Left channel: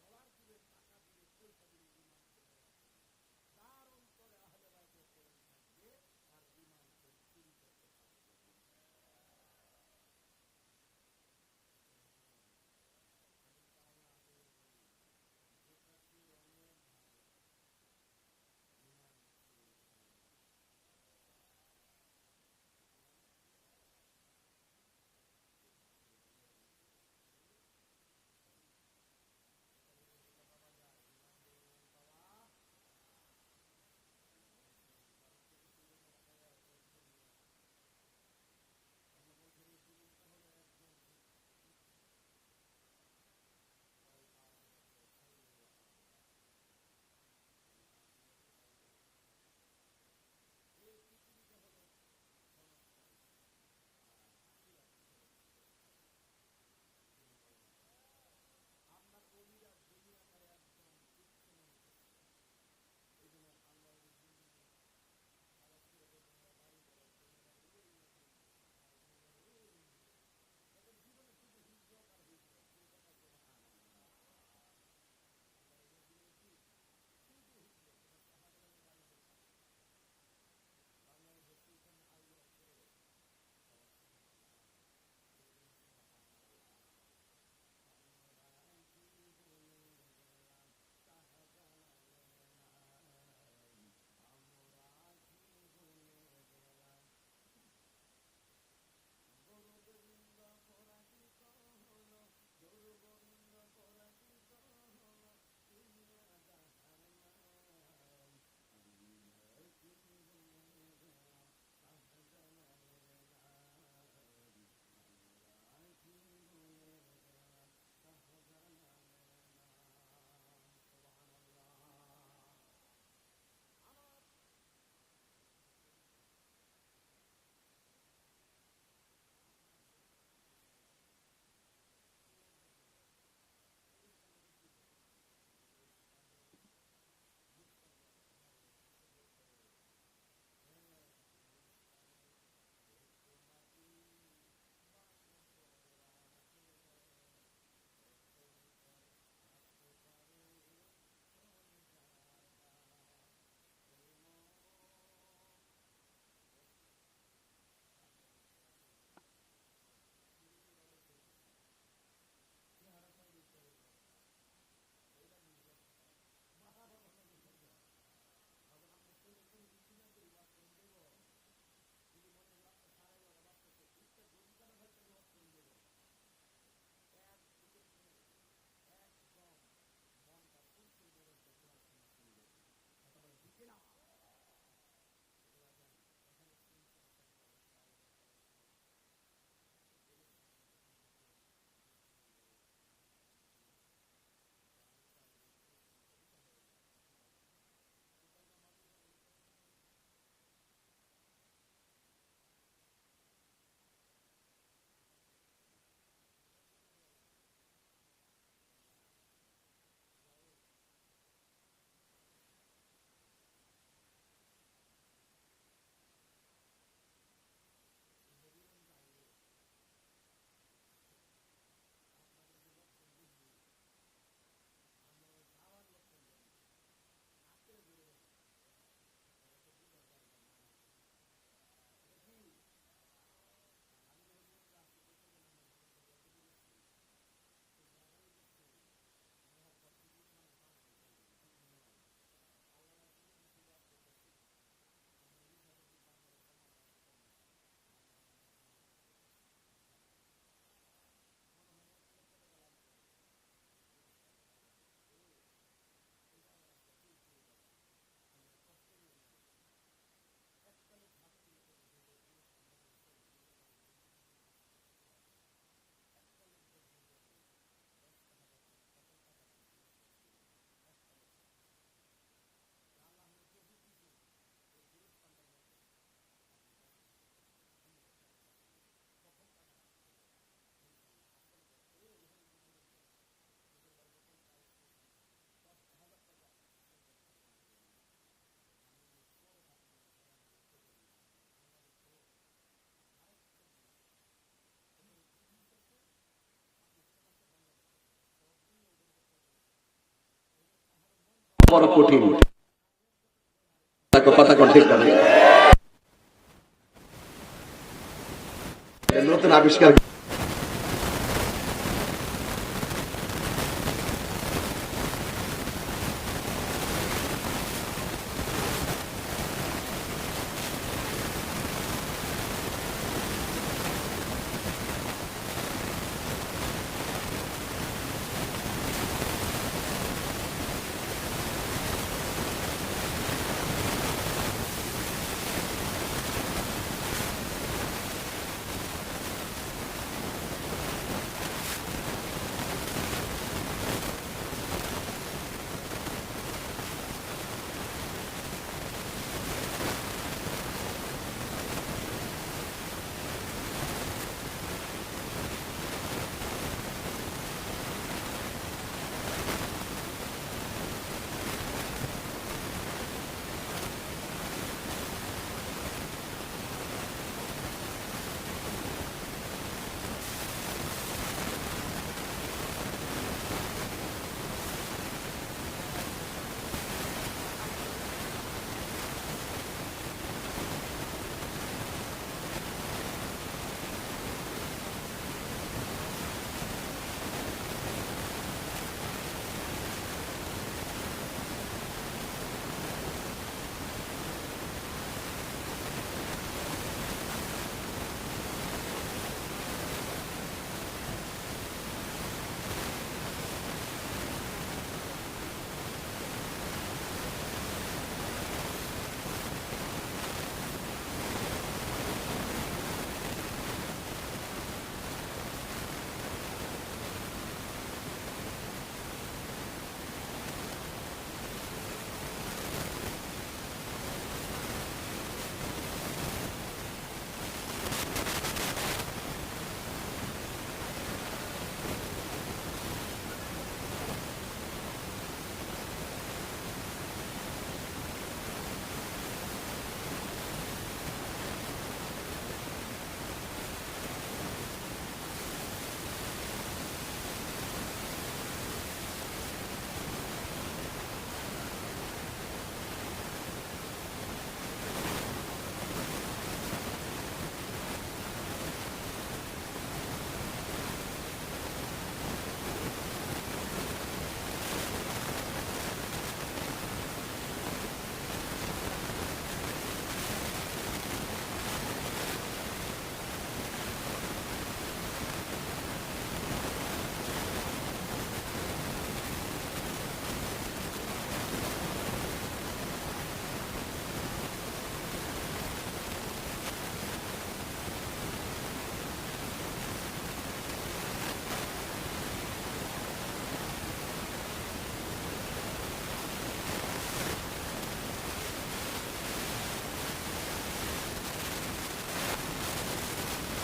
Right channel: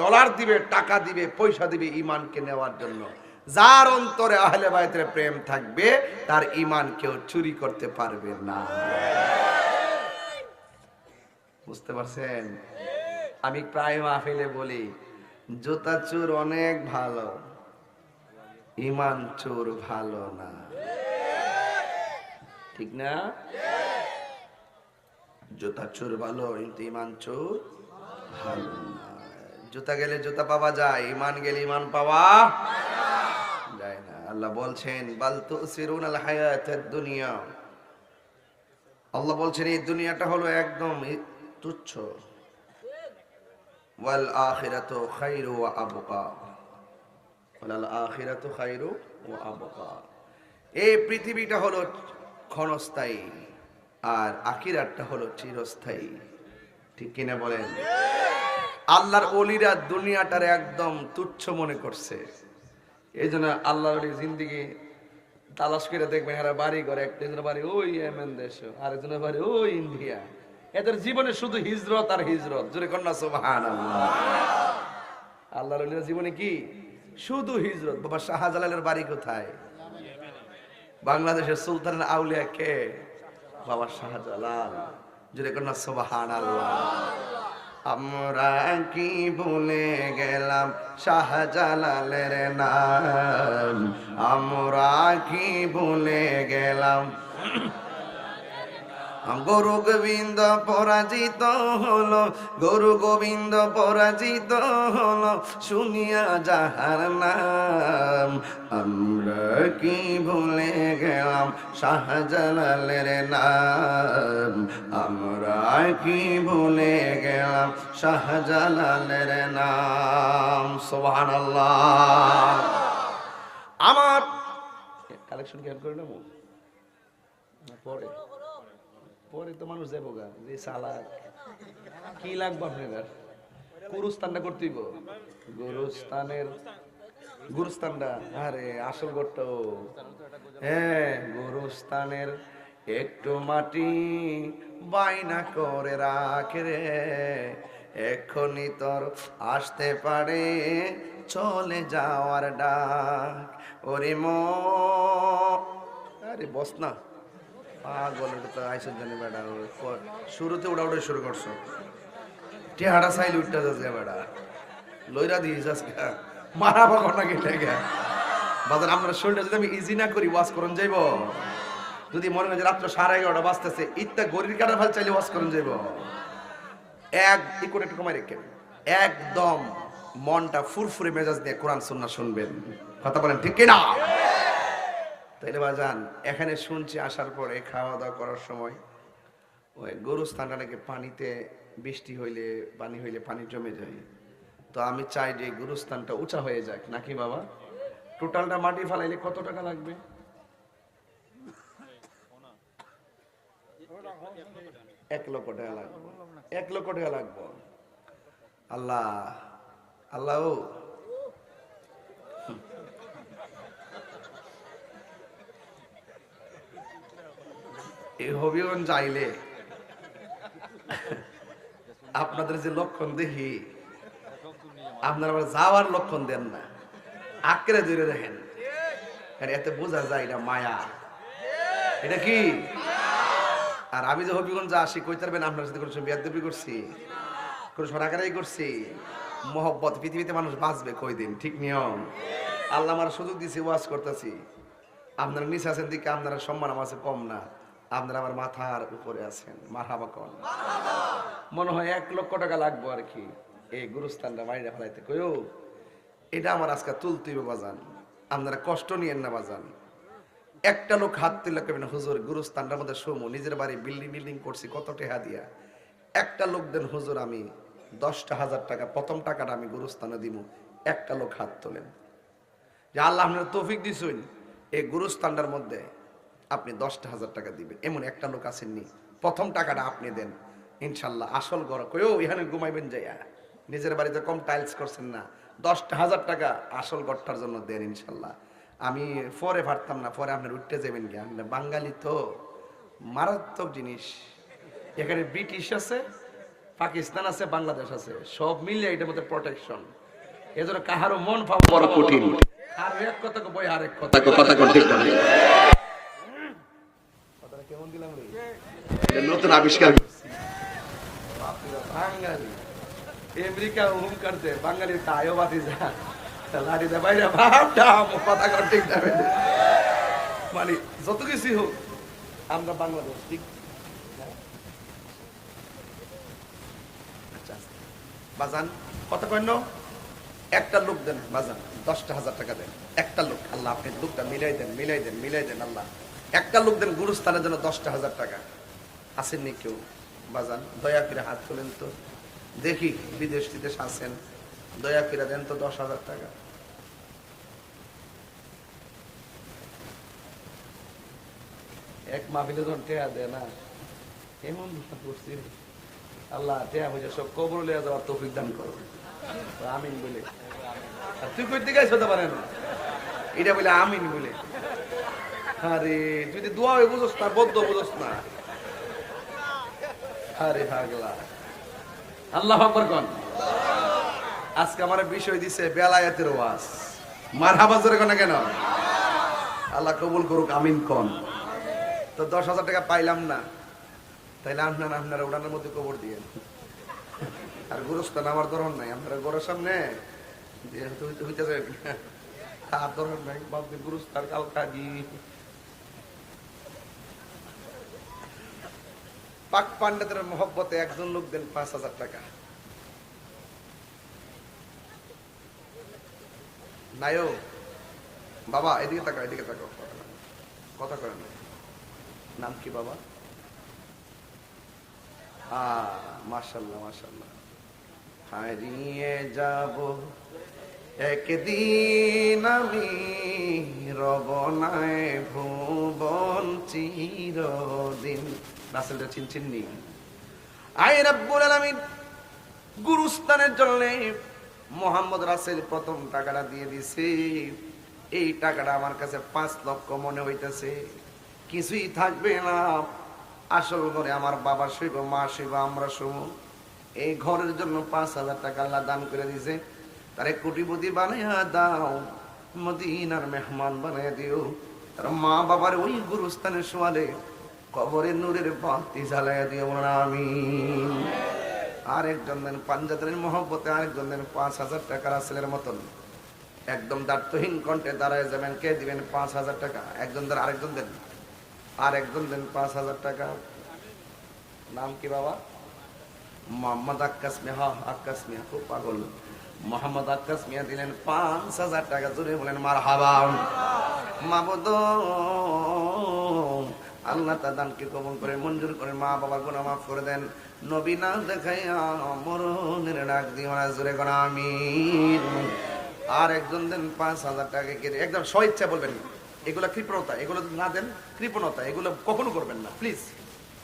Dollar দিবে, টাকা দিবে, পয়সা দিবে ইমানকে নেওয়ার জন্য। যার অন্তরে আহলে বাইতের প্রেম থাকবে, তার ইমান কেউ চুরি করতে পারবে না। বুঝতে পারছেন? আমি প্রায় মাহফিলে বলি, জুতা চোর অনেক ভালো ইমান চোর ভালো না। ঠিক না? জুতা চোর ভালো, কিন্তু ইমান চোর ভালো না। জুতা গেলে জুতা পাওয়া যায় ইমান গেলে ইমান পাওয়া যায় না। আল্লাহ বলছেন, বাল তুসিরুন আল হায়াতাদ দুনিয়া। আল্লাহ বলছেন, এই দুনিয়াটা হলো একদম তুচ্ছ। ওয়াল আখিরাতু খায়রু ওয়া আবকা। ওয়াল আখিরাতু খায়রু ওয়া আবকা। এই পৃথিবীটা হলো ক্ষণস্থায়ী আর আখিরাতটা হলো চিরস্থায়ী। ঠিক কিনা বলেন? আল্লাহর অলিরা দুনিয়াটার একদম তুচ্ছ মনে করছে। এই জন্য আল্লাহর অলি জিন্দিগি তালাশ করে দেখবেন এরা বাড়ি করে একজনের বাড়ি ওই এমএন দেশ, আরেকজনের বাড়ি ওই ইন্ডিয়া। এদের জীবনে শুধু হিজরত আর হিজরত। জোরে কন্যা সোহান আল্লাহর অলিরা জীবনে কি? শুধু হিজরত। বাবা শাহজালালের বাড়ি কোথায়? বাংলাদেশের সুলতানের আউলিয়া কে? বাবা শাহজালাল। জোরে কন্যা সোবাহান আল্লাহ আমরা কি ভুলে গেলাম শাহজালালের নাম? আমরা কি ভুলে গেলাম? গরু গোবিন্দ পরাজিত হলো গরু গোবিন্দ পরাজিত হলো, শুনিয়া যাহার নাম, আমরা কি ভুলে গেলাম শাহজালালের নাম, আমরা কি ভুলে গেলাম শাহজালালের নাম সোহান আমার, কালেকশন কেন করে নেব? পরে। তো মানুষ যাব গা, যে সালাক কি লাগবে আপনার গুরুস্থানটা করতেইব গুরুস্থানের গুরুস্থানটা? আরে, আসল গড়টা হ্যাঁ গুরুস্থানের একটু মাটি বাইনা করে রাখে রে। এখনই তোর আসতে পারে, চলে যাওয়ার ডাক। ওরে ম আরে, বস না। তো আইসেন জানি ক- শুরুতে শুরু করছ। টেহাড়া সাইল যাচ্ছে বেটা লইরা মারা বাজার শরীরটা যদি আমি ইজি না করি ওয়াশ করুন যাইব। যদি মনে হয় যে রাত্র সাড়ে এগারোটা বাজতেছে ইত্যা গরির কাটা ভালো চাইলে ওয়াশ করুন যাইব। এক একটু কমাই রেখে একদম মনটা ফুরফুরে মেজাজ দিয়ে কোরআন, সুন্নাহ শুনবেন। কথা বলেন ঠিক কিনা? তাইলে বাজান, এখানে শুনছি আসার পরে খাওয়া দাওয়া করার সময় ওই গরুস্থানটা নাকি পানিতে বৃষ্টি হইলে, পানি হইলে পানি জমে যায়। তো আমি চাই যে গুরুস্থানটা উঁচা হয়ে যাক, নাকি বাবা? টোটালটা মাটি ফালাইলে কত টাকা লাগবে? এক লক্ষ টাকা লাগবে। এক লক্ষ টাকা লাগবে। আল্লাহ আল্লাহ এই হবিগঞ্জ আইলে আপনাদের যে লক্ষণ দেখি, আপনারা যাওয়ার লক্ষণ দেন না। আঁকড়ে ধরে দেখেন। আর এতে বোঝা যায় এটা মায়া। এটা কি? আর আমি যে হবিগঞ্জ আসি, কই পারবেন আপনার সাথে কোনো বিয়াদবি করছি? কোনো সরাকারাই করছি? মহব্বত, পৃথিবীতে মানুষ বাঁচবে কই দিন ঠিক নিয়ম। আল্লাহ আমার সুযোগ দিয়েছে ওয়াজ করতেছি। আপনারা নিচে আছেন দিকে, আপনারা সম্মান আমার কম না। আপনারা আমার মাথার উপরে আছেন। মাথাবা কন। মনে হয় এক লক্ষ টাকা লাগবো আর কি। এই গুরুস্থানটা মাইরা ফেলাইতে। কইও এটা আমার আজকে তুলতেই বাজান। আপনারা কষ্ট নিয়েন না বাজান। একটা লোক হাত তুলে কেবেন হুজুর গুরুস্থানটার মধ্যে সমু নিজের বাড়ি বিল্ডিং বিল্ডিং করছি কত টেহা দিয়া? একটা লোক দেন হুজুর আমি দশটা হাজার টাকা প্রথম টাকাটা আমি গুরুস্থানে দিব একটা লোক হাত তোলেন। যে আল্লাহ আপনার তৌফিক দিছুন এই গুরুস্থানটার মধ্যে আপনি দশটা হাজার টাকা দিবেন। এমন একটা লোক আসেননি। প্রথম টাকাটা আপনি দেন। ইনশাল্লাহ আসল গড় কয়েও এখানে ঘুমাইবেন যাইয়া। নিজের বাড়িতে কম টাইলস করছেন না। দশটা হাজার টাকা আসল গড়টার জন্য দেন ইনশাল্লাহ। আমি পরে পারতাম না পরে আপনার উঠতে যাবেন কি আপনি বাঙালি তো মারাত্মক জিনিস। এখানে ব্রিটিশ আছে পাকিস্তান আছে বাংলাদেশ আছে। সব মিলিয়ে এটার মধ্যে প্রোটেকশন এজন্য কাহারও মন পাওয়া বড় কঠিন। আর এক কথা বই আর এক কথা কথা ঠিক করে নতুন আবিষ্কার বাঙালি আমেরিকা হুম করছে বাঙালি তাইও বাদি দা লাড়ি দা বাইরে ভাব দাম কথা করে ঠিক যাবে মানে একটা লোক দেন, বাজান, দশটা হাজার টাকা দেন। একটা লোক, আল্লাহ আপনি লোকটা মিলাই দেন মিলাই দেন মিলাই দেন, আল্লাহ। একটা লোক দেন গুরুস্থানের জন্য দশটা হাজার টাকা। আসেননি কেউ বাজান, দয়া করে হাত তুলেন তো। দেখি বিদেশ বিদেশ আসেন দয়া করে দেন তো দশ হাজার টাকা। এক মাহফিলে যখন টেয়া দেয় না। এমন আল্লাহ, টেয়া পয়সা সব কবর লিয়া দেওয়ার তৌফিক দান করো। আমিন বলে। তুই কই দিকে হতে পারেন এটা বলে আমিন বলে। আরে, তুই দোয়া বুঝোস না, বদ্ধ বুঝোস না। আরে পাগলা আল্লাহ আকবার কোন? আজকে আমার বিষয় দিছে বেলায়েতের ওয়াজ। মারহাবা জোরে কোন কেন? আল্লাহ কবুল করুক, আমিন কোন? তো দশ হাজার টাকা পাইলাম না। তাইলে আপনার আপনারা ওনার মধ্যে খবর দিয়ে আর গুরুস্থান আমার ধরন নাই। আপনারা ঘরের সামনে হইতে আর ধরন নাই। গুরুস্থান খাদি পাক পান্ডাদের মহব্বতে একজন লোক দেন পাঁচ হাজার টাকা। বাবা, এদিকে তাকাও এদিকে তাকাও কথা করেন নাম কি বাবা? হ্যাঁ মার্শাল্লাহ মার্শাল্লাহ হারিয়ে যাব, একদিন আমি রবনায় ভুবন চিরদিন। নেই। আয় আলামিন, গুরুস্থানের জন্য মোহাম্মদ রাসেল প্রথম টাকাটা দিয়ে দিছে এই টাকাটা আমার কাছে পাঁচ লক্ষ মনে হইতেছে। কিছুই থাকবে না। আসল ঘরে আমার বাবা শুইব, মা শুইব, আমরা শুভ এই ঘরের জন্য পাঁচ হাজার টাকা আল্লাহ দান করে দিয়েছে। আরে কোটিপতি বানাইয়া দাও, মদিনার মেহমান বানাইয়া দিও। মা বাবার ওই গুরুস্থানে শোয়ালে কবরের নূরের পান্তি জ্বালাইয়া দিও না আমি আরেকজন দেন পাঞ্জাবের মহব্বতে আরেকজন দেন পাঁচ হাজার টাকা রাসেলের মতন। একদম দায়িত্বহীন কণ্ঠে দাঁড়ায় যাবেন, কে দিবেন পাঁচ হাজার টাকা? একজন দেন, আরেকজন দেন। আর একজন দেন পাঁচ হাজার টাকা। নাম কি বাবা? মোহাম্মদ আক্কাস মিয়া। আক্কাস মিয়া, খুব পাগল। মোহাম্মদ আক্কাস মিয়া দিলেন পাঁচ হাজার টাকা। ধরে বলেন মার হাবা মাবুদ আল্লাহ তার কবল করে, মঞ্জুর করে, মা বাবা গুনাহ মাফ করে দেন। নবী না দেখাইয়া মরণের ডাক কোন, আমিন। আর একজন দেন পাঁচ হাজার টাকা একদম স্বইচ্ছা বলবেন এগুলো কৃপণতা এগুলো না দেন, কৃপণতা, এগুলো কখনো করবেন না প্লিজ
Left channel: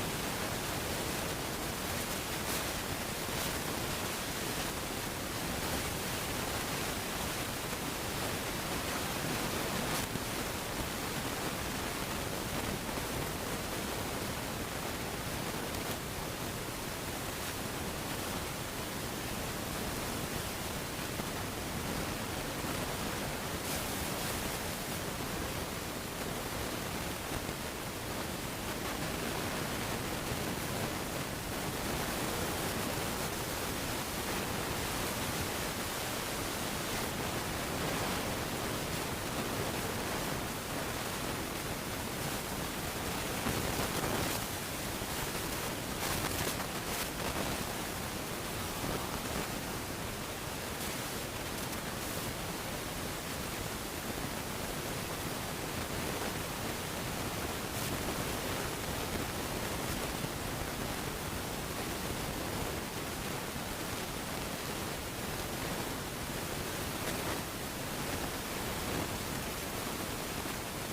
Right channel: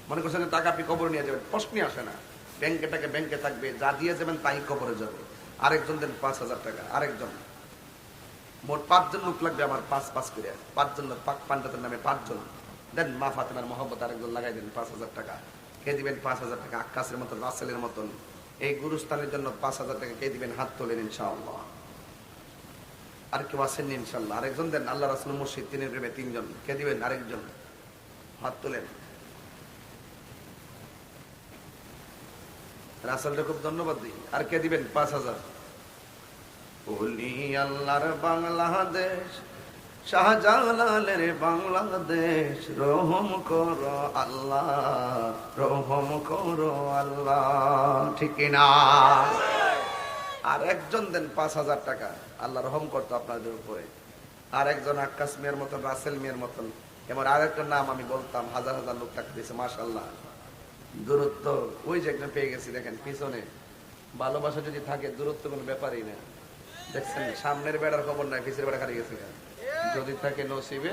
মনে করছেন টাকা আপনি কবর নিয়ে যাবেন প্রশ্নই আসে না। ব্যাংকে টাকা ব্যাংকে থাকবে, যা দিয়ে দেবেন তাই কবরে যাবে। আরেকজন দেন পাঁচ হাজার টাকা, আরেকজন। মোট পাঁচজন লোক লাগবে আমার, পাঁচ পাঁচ করে। পাঁচজন পাঁচ পাণ্ডবের নামে পাঁচজন। দেন মা ফাতেমার মহব্বত আরেকজন লাগাই দেবেন, পাঁচ হাজার টাকা। কে দিবেন পাঁচ হাজার টাকা? আকাশের মতন, রাসেলের মতন। এই গুরুস্থানের জন্য পাঁচ হাজার টাকা কে দিবেন? হাত তোলেন ইনশাআল্লাহ। আর কেউ আসেন ইনশাল্লাহ আরেকজন দেন, আল্লাহ রাসুল মুর্শিদ, তিনের প্রেমে তিনজন। কে দিবেন? আরেকজন। হাত তোলেন। রাসেলকে খুব ধন্যবাদ দিই। আর কে দিবেন? পাঁচ হাজার। আল্লাহর বাংলাদেশ শাহজালালের বাংলাদেশ, রহম করো আল্লাহ, রহম করো আল্লাহ। ঠিক না আর একজন দেন পাঁচ হাজার টাকা। আল্লাহ রহম করতো আপনাদের উপরে। আর একজন আকাশ মেয়ের মতন রাসেল মেয়ের মতন এবার আরেকজন নাম আমি বলতাম, হাজার হাজার লোক থাকতেছে মাসাল্লাহ দূরত্ব ওই যে একজন পেয়ে গেছি, দেখেন পিছনে। ভালোবাসা যদি থাকে, দূরত্ব কোনো ব্যাপারই না। দেখছেন, সামনের বেড়ার খবর নাই ভিতরে বেড়া কাটিয়ে গেছে। যদি থাকে নসিবে,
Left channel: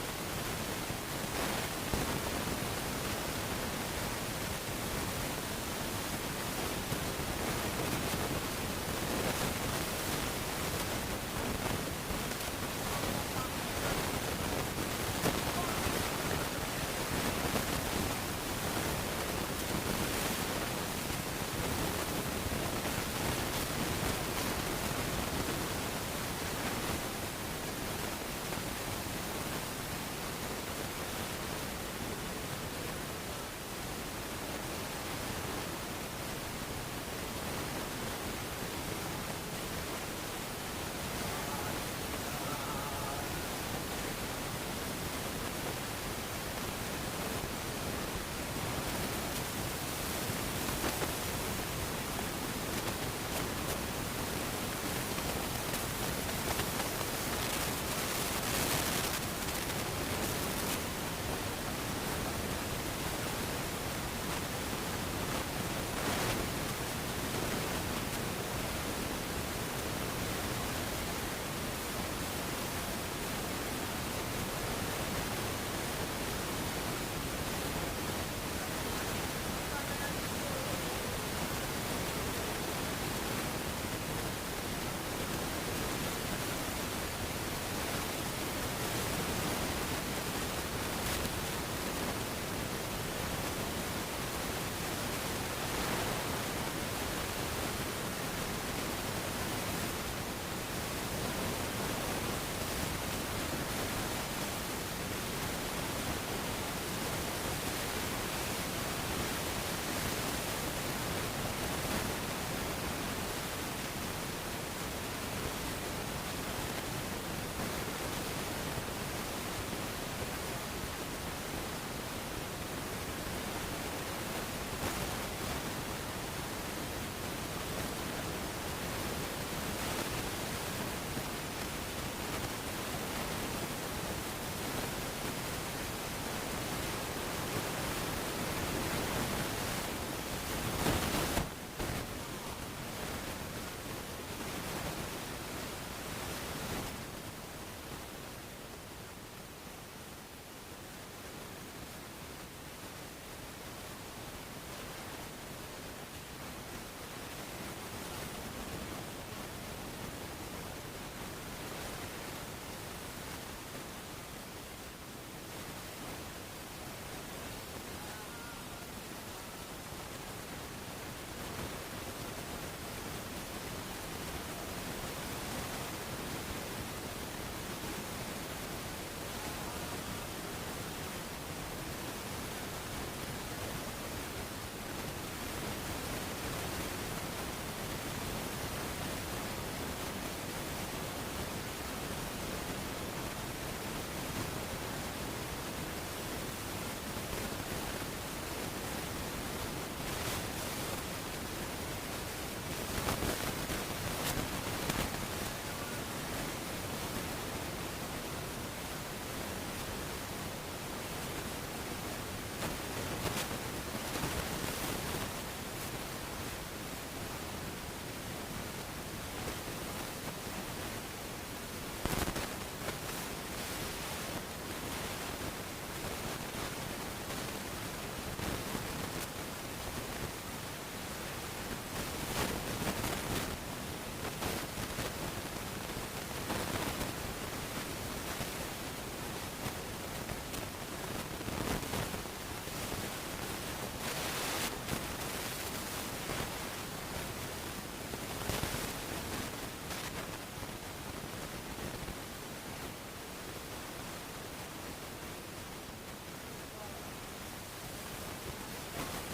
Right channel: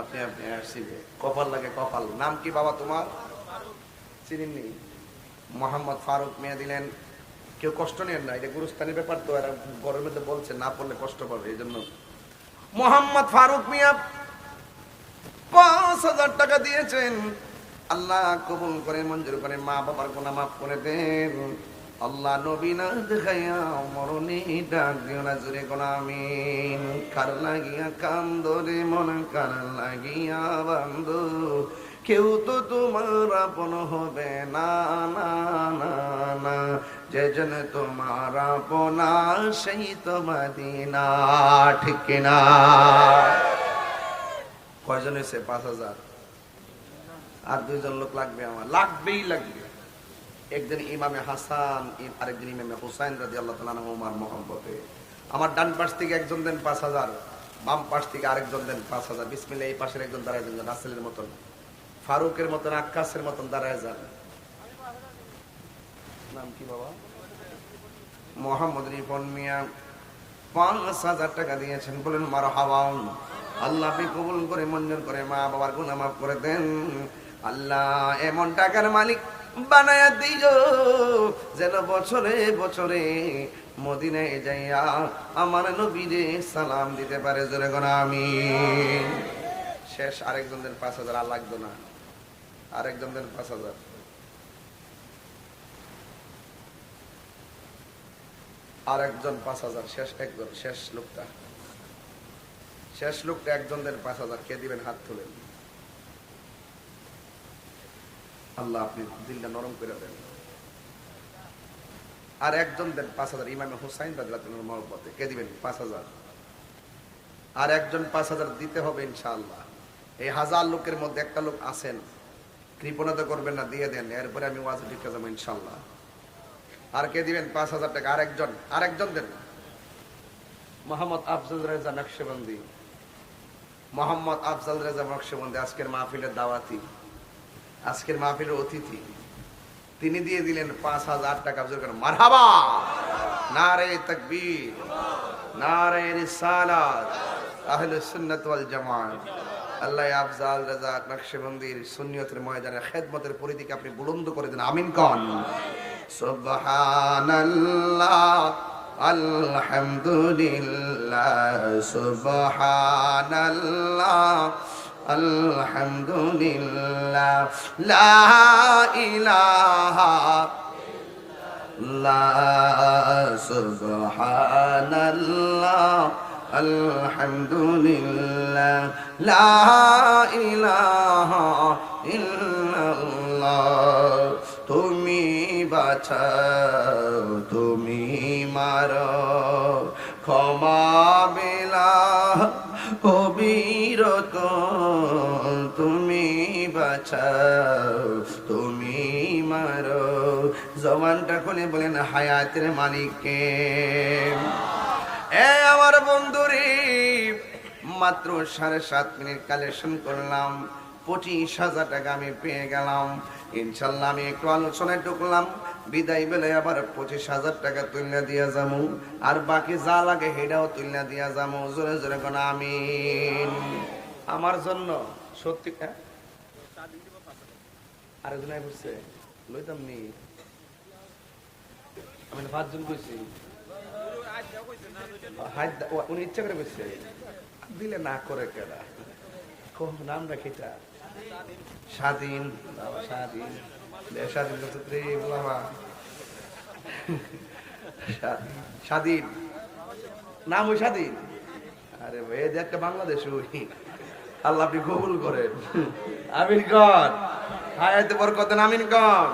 আপনি আপনি আসিবে। কপাল লাগে কপাল। নাম কি বাবা তোমার? চিনিনি। মোহাম্মদ ফারুক নিয়ে দিলেন। কেউ কষ্ট নেন না এটা গুরুস্থানের ব্যাপার তো এরা বড় লোকে বলছে, না বললে কষ্ট পাবে, এই জন্য। মোহাম্মদ ফারুক মিয়া পাঁচ হাজার টাকা দিয়েছেন। আল্লাহ কবুল করে, মঞ্জুর করে মা বাবার গুনাহ মাফ করে দেন। আল্লাহ নবী না দেখাইয়া মরণে ডাক না জুড়ে আমিন। কার লাগিয়া কান্দরে মন, কার লাগিয়া বান্ধু কেউ তো তোমার আপন হবে না না না না। যে জন তোমার আপনা সেই তো মদিনা, ঠিক না কয়জন এসে পাঁচ হাজার। আর দুইজন লোক লাগবে আমার। লাগবেই লাগবে। একজন ইমামে হাসান আরেকজন ইমামে হোসাইন রাজি আল্লাহ তালা ওমার মোহাম্মদ আমার ডান পাশ থেকে একজন দেন পাঁচ হাজার, বাম পাশ থেকে আরেকজন দেন পাঁচ হাজার। বিসমিল্লা এই পাশের একজন দাঁড়ায় যান রাসেলের মতন। ফারুকের মতন আকাশের মতন দাঁড়ায় যান। মোহাম্মদ রিপন মিয়া, পাঁচ হাজার টাকা দিয়েছেন। বলেন মার হাওয়ান আল্লাহ কবুল করে, মঞ্জুর করে মা বাবার গুণা মাফ করে দেন। আল্লাহ এমন টাকার মালিক বানায়া দিল। যেন বছরে বছরে মদিনায় যাইয়া আমার নবীরে সালাম দিতে পারে, জোরে আমি শেষ আরেকজনদের পাঁচ হাজার, আর লাগবে না। আরেকজনদের পাঁচ হাজার। আর একজন পাঁচ হাজার, শেষ, একজন, শেষ লোকটা। শেষ লোকটা একজন দেন পাঁচ হাজার, কে দিবেন হাত করে আল্লাহ আপনি দিনটা নরম করে দেন আর একজন দেন পাঁচ হাজার, ইমাম হোসাইন তাদের মহব্বতে কে দিবেন? পাঁচ হাজার। আর একজন পাঁচ হাজার দিতে হবে ইনশাআল্লাহ। এই হাজার লোকের মধ্যে একটা লোক আছেন কৃপণতা করবেন না, দিয়ে দেন, এরপরে আমি ওয়াজ দিতে দেবো ইনশাআল্লাহ। আর কে দিবেন? পাঁচ হাজার টাকা। আরেকজন আরেকজন দেন। মোহাম্মদ আফজল রেজা নকশবন্দি। মোহাম্মদ আফজল রেজা নকশবন্দি, আজকের মাহফিলের দাওয়াতি আজকের মাহফিলের অতিথি। তিনি দিয়ে দিলেন পাঁচ হাজার টাকা জোর মারহাবা! নারে তকবীর, নারে রিসালাত, আহলে সুন্নাত ওয়াল জামাত। আল্লাহ আফজাল রাজা নকশবন্দির সুন্নিয়তের ময়দানে খেদমতের পরিধিকে আপনি বুলন্দ করে দেন। আমিন কন। সুবহানাল্লাহ, আলহামদুলিল্লাহ, সুবহানাল্লাহ। আলহামদুলিল্লাহ লা ইলাহা লা সুবহানাল্লাহ আলহামদুলিল্লাহ লা ইলাহা ইল্লাল্লাহ তুমি বাঁচাও বাঁচাও তুমি মারো। জবানটা খুলে বলেন, হায়াতের মালিককে। এ আমার বন্ধুরে, মাত্র সাড়ে সাত মিনিট কালেকশন করলাম। পঁচিশ হাজার টাকা আমি পেয়ে গেলাম। ইনশাল্লাহ আমি একটু আলোচনায় ঢুকলাম। বিদায় বেলে আবার পঁচিশ হাজার টাকা তুলনা দিয়া যাব। আর বাকি যা লাগে সেটাও তুলনা দিয়া যাব। জোরে জোরে কোন আমিন। আমার জন্য সত্যি আমার উনি ইচ্ছা করে দিলে না করে কেরা কোন নাম স্বাধীন স্বাধীন স্বাধীন নাম ওই স্বাধীন আরে ভাই যে একটা বাংলাদেশ আল্লাহ আপনি কবুল করেন। আমিন কর। হায়াতে বরকত আমিন কর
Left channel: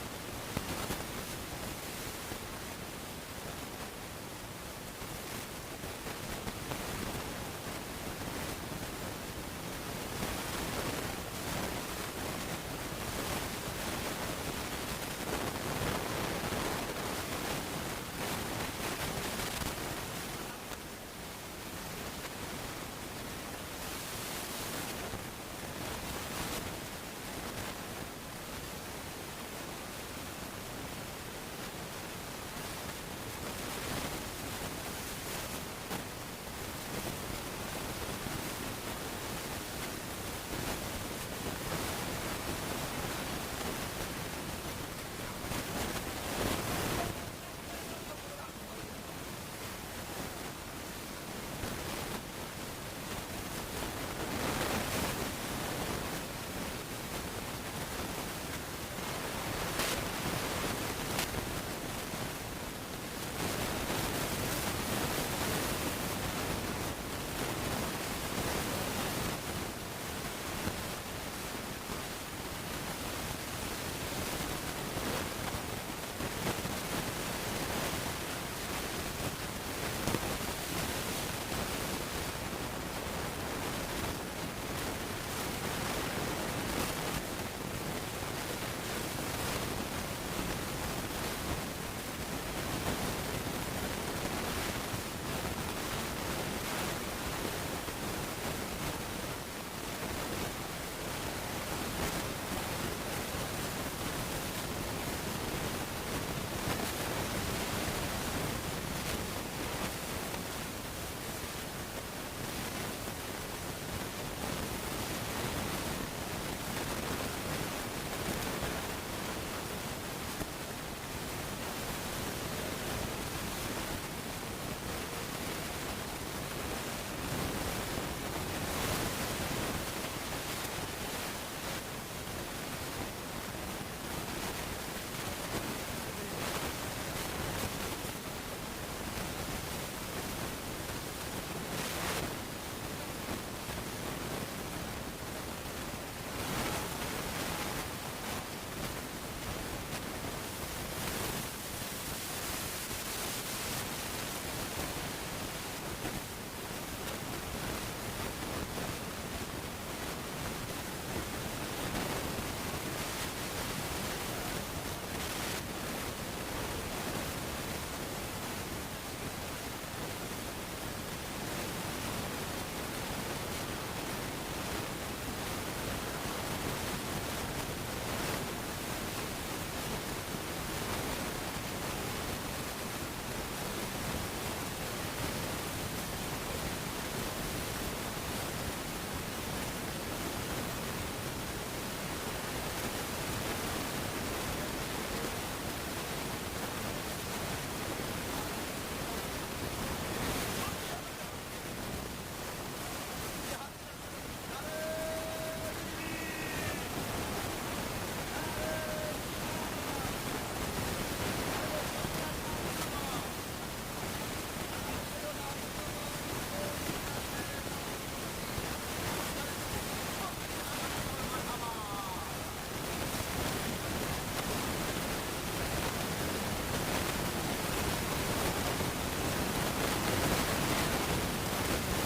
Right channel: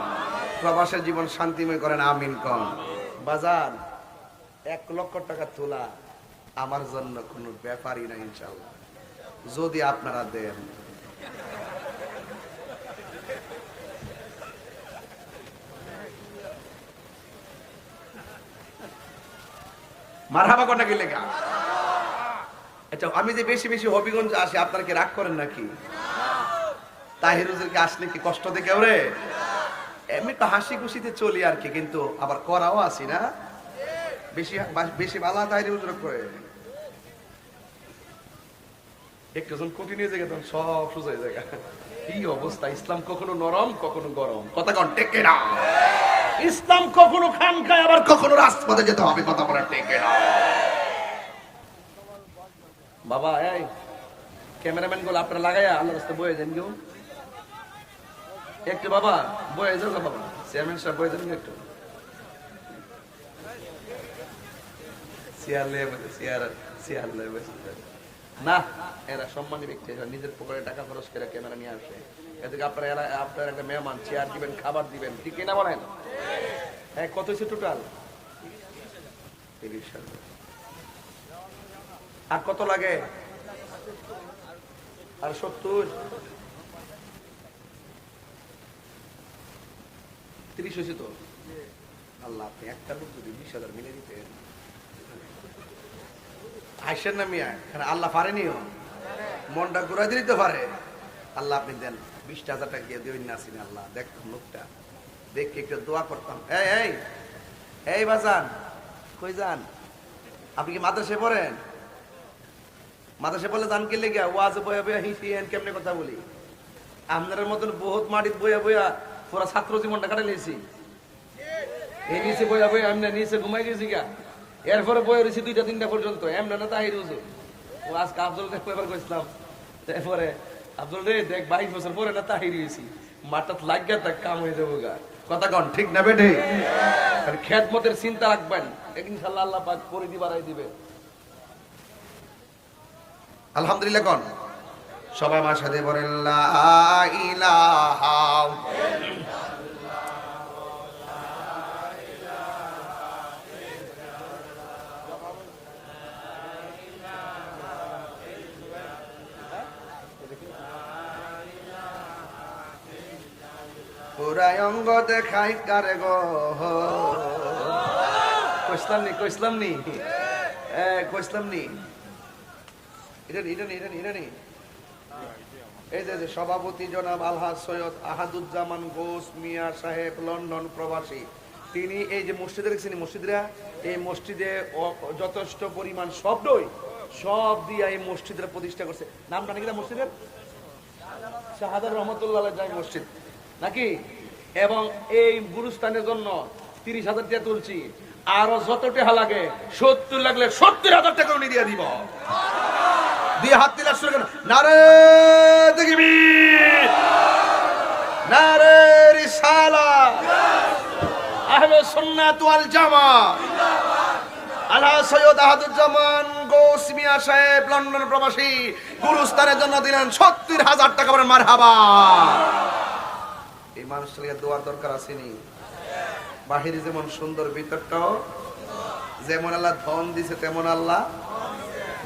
প্রবাসের জীবন শান্তিময় করেন আমিন কর বাজার, এক লক্ষ টাকা তোলা আমার জন্য কোনো ব্যাপারই না ইনশাল্লাহ যদি আপনারা দেন। মারহাবা কটা কি লেখা আচ্ছা আমি যে বেশি বেশি হবিগঞ্জ আসি, আপনারা কি রাগ করেন নাকি? তাহিরুজেরকে আসলে কি কষ্ট দেখে ওরে? এমনি তো হাসি খুশিতে চলি আর কি, কিন্তু আবার করাও আসি না। বেশি বেশি ভালো তাহির হুজুর করে। ইসলাম কখনো খায়, আবার কখনো যেতে হবে, কথা বলা বাবা ক্যামেরাম্যানগুলো আপনারা লাগাইয়া আল্লাহ বয়ে দেন, কেউ? একটু বাবা, বয়ে যাও গো বাবা। চেয়ারম্যান সাহেব, বয়ে দেবেন একটু। চেয়ার লেবে, চেয়ার চেয়ার লেবে। না, এরা সম্মানী দেখতে এরা নিজের পকেটে টাকা খরচ করে ক্যামেরা নিয়ে আসবে। এদিকে আপনারা এরা একটা মেহমান, চেয়ার দিবেন, খাবার দিবেন। ঠিক কিনা বলেন? হ্যাঁ কত হয়েছে টোটাল আর কত লাগে? আর সত্তর? হয়েছে তো? আল্লাহ একটা করতে দিন, ইনশাআল্লাহ দিবেন। হাসেন না মিয়া কারণ আল্লাহ পারেনিও মনটা ঘুরাই দিতে পারে। আল্লাহ আপনি দেন হাজার টাকা দিয়ে দেবেন না আসেন আল্লাহ দেখুন লোকটা। দেখে একটু দোয়া করতাম। এই এই এই বাজান কই যান? আপনি কি মাদ্রাসে পড়েন? মাদ্রাসে পড়লে দান কিনলে গিয়া ওয়াজ বয়া বয়া হিন্দি কেমনে কথা বলি? আপনাদের মতন বহুত মাটিত বয়া বয়া পুরা ছাত্র জীবনটা কাটে নিয়েছি এই নিচে বয়া বয়া আমি নিচে ঘুমাই দিয়েছি গা এরপরে বয়ে রয়েছি দুইটা, তিনটা পর্যন্ত। এমন না তাই রয়েছে। ও আজকে আব্দুল দেখতে এবার করতাম তারপরে আব্দুল রে, দেখ, বাইশ বছর পরে না তাই রয়েছি। মাথা লাগিয়া তাক কাম হয়ে যাব গা। কথা কন, ঠিক না বেটে খেত মতের চিন্তা রাখবেন। ইনশাল্লাহ আল্লাহ পাক পরিধি বাড়াই দিবে। আলহামদুলিল্লাহ কন। সবাই আমার সাথে বলেন পুরাই অঙ্গ দেখাই কারে গো? কইসলাম নি কইসলাম নি? কইসলাম নি, এটা নি এটা নি এটা নি। সভাপতি জনাব আলহাজ সৈয়দ আহাদুজ্জামান ঘোষ মিয়া সাহেব, লন্ডন প্রবাসী। তিনি এই যে মসজিদে রেখেছেন মসজিদরা, এই মসজিদে যথেষ্ট পরিমাণ শব্দই সব দিয়ে এই মসজিদরা প্রতিষ্ঠা করছে। নাম নাকি না মসজিদের? শাহাদার রহমতুল্লাহ আলাইহি মসজিদ। নাকি? এবং এই গুরুস্থানের জন্য তিরিশ হাজার টাকা তুলছি। আরও যত টাকা লাগে, সত্তর লাগলে সত্তর হাজার টাকা উনি দিয়ে দিব। দিয়ে হাত দিলে শুরু নারে নারে রিসালা। সুন্নাত জামা। আল্লাহ সৈয়দ আহাদুজ্জামান সাহেব, লন্ডন প্রবাসী। জন্য দিলেন সত্তর হাজার টাকা বলেন মার হাবা এই মানুষের দোয়ার দরকার আসেনি বাহিরে যেমন সুন্দর ভিতরটাও, যেমন আল্লাহ ধন দিছে, তেমন আল্লাহ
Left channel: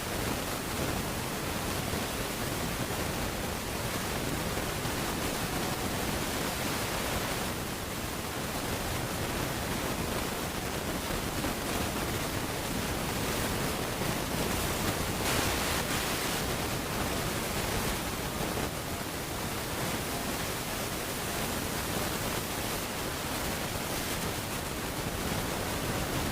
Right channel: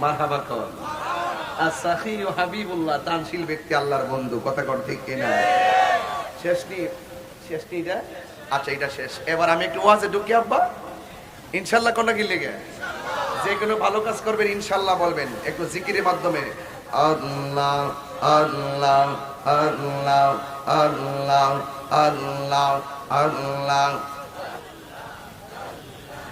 মার হাবা কর। আর সাখি ও হাবিবুল্লাহ দানশীল ব্যক্তি আল্লাহর বন্ধু, কথা কর ঠিক কিনা? শেষ নিয়ে শেষ নিয়ে আচ্ছা এটা শেষ। এবার আমি একটু ওয়াজে ঢুকি, আব্বা। ইনশাল্লাহ কোনটা কি লেগে? যে কোনো ভালো কাজ করবেন, ইনশাল্লাহ বলবেন। একটু জিকিরের মাধ্যমে। আল্লাহ আল্লাহ আল্লাহ আল্লাহ আল্লাহ আল্লাহ